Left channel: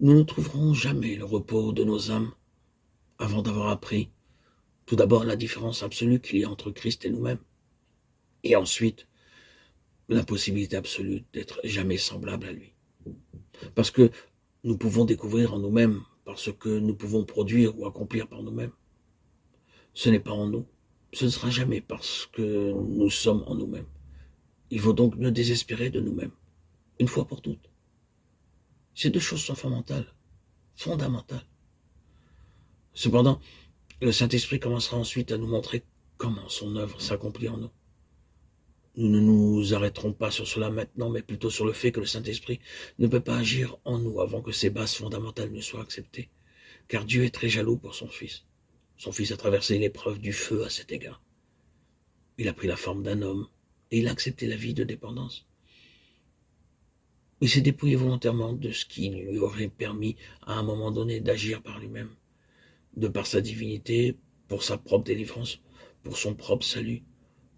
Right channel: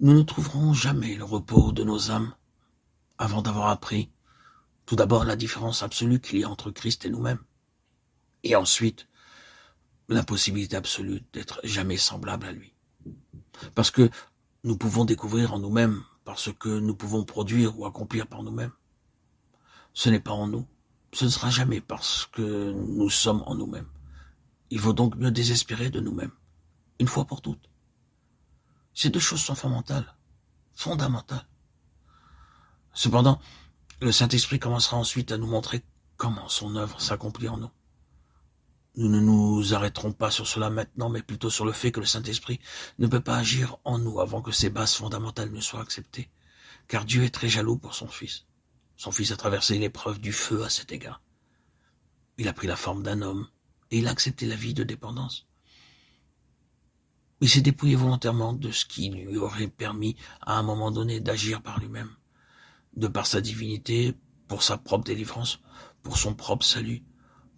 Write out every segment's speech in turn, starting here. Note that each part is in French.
Nous ne trouverons jamais le repos de nos âmes avant d'avoir appris tout d'abord la différence absolue qu'il y a entre Christ et nous-mêmes, et ensuite l'impossibilité absolue d'être jamais semblable à lui. Parce que nous pouvons découvrir en nous-mêmes par ce que nous pouvons produire ou accomplir par nous-mêmes. Ce n'est pas en nous. Ce ne sera jamais parce que nous sommes en nous-mêmes. Il faut donc mieux désespérer de nous-mêmes, une fois pour toutes. Ces deux choses sont fondamentales. Fondamentales. Cependant, le Saint-Esprit commencera ensuite à nous montrer comment son œuvre s'accomplit en nous. Nous ne nous arrêterons pas sur cela maintenant, mais plutôt sur le fait que le Saint-Esprit ne peut pas agir en nous avant que ces bases fondamentales ne soient acceptées. Car Dieu est très jaloux pour son Fils. Son Fils a traversé l'épreuve du feu à cet égard. Il a pris la forme d'un homme et il a accepté la vie de dépendance. Il s'est dépouillé volontairement de ce qui lui aurait permis à un moment donné d'agir par lui-même, de par sa divinité, pour sa propre délivrance, pour son propre salut,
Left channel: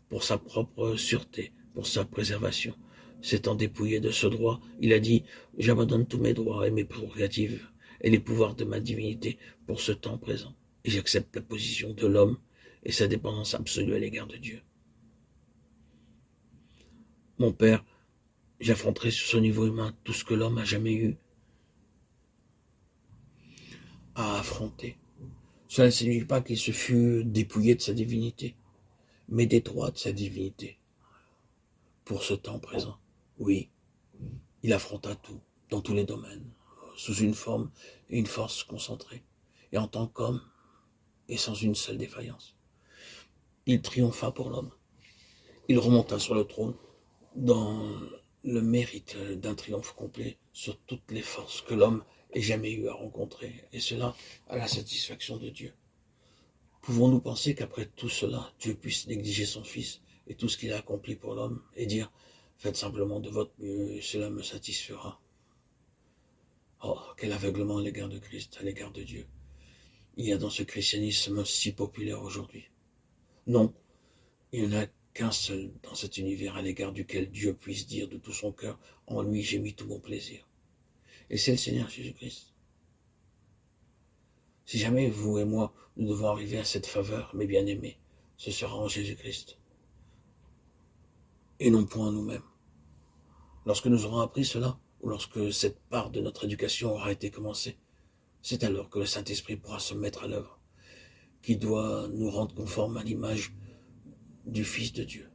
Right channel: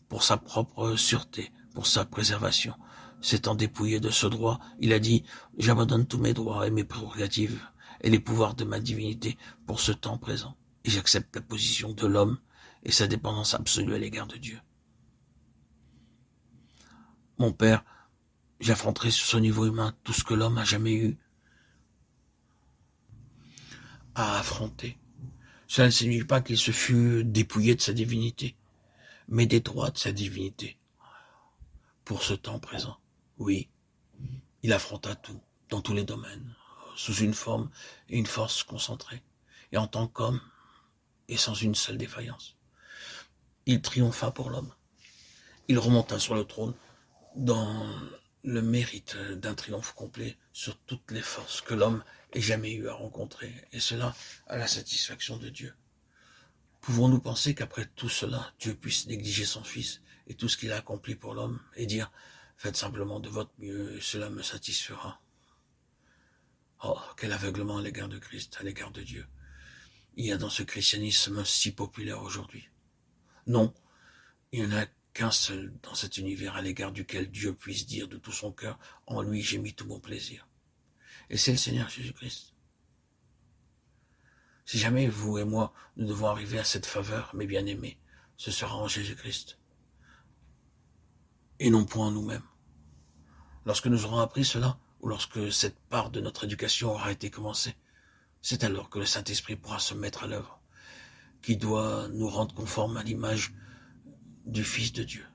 pour sa propre sûreté, pour sa préservation. S'étant dépouillé de ce droit, il a dit « J'abandonne tous mes droits et mes prérogatives et les pouvoirs de ma divinité pour ce temps présent, et j'accepte la position de l'homme et sa dépendance absolue à l'égard de Dieu. » Mon Père, j'affronterai sur ce niveau humain tout ce que l'homme a jamais eu à affronter. Cela ne signifie pas qu'il se fût dépouillé de sa divinité, mais des droits de sa divinité pour ce temps présent. Oui, il affronta tout, dans tous les domaines, sous une forme et une force concentrées, et en tant qu'homme, et sans une seule défaillance. Il triompha pour l'homme. Il remonta sur le trône dans le mérite d'un triomphe complet sur toutes les forces que l'homme ait jamais eu à rencontrer, et cela à la satisfaction de Dieu. Pouvons-nous penser qu'après tout cela, Dieu puisse négliger son Fils et tout ce qu'il a accompli pour l'homme et dire « Faites simplement de votre mieux et cela me satisfera ». Oh, quel aveuglement à l'égard de Christ, à l'égard de Dieu. Il y a dans ce christianisme si populaire aujourd'hui. Non, il n'y en a qu'un seul dans cet univers à l'égard duquel Dieu puisse dire de tout son cœur « En lui j'ai mis tout mon plaisir ». Et c'est le Seigneur Jésus-Christ. Si jamais vous et moi, nous devons arriver à cette faveur, mes bien-aimés, ce sera en Jésus-Christ. Et non point en nous-mêmes. Lorsque nous aurons appris cela, ou lorsque cette part de notre éducation aura été commencée, c'est alors que le Saint-Esprit pourra se mettre à l'œuvre, qui doit nous rendre conformes à l'image du Fils de Dieu.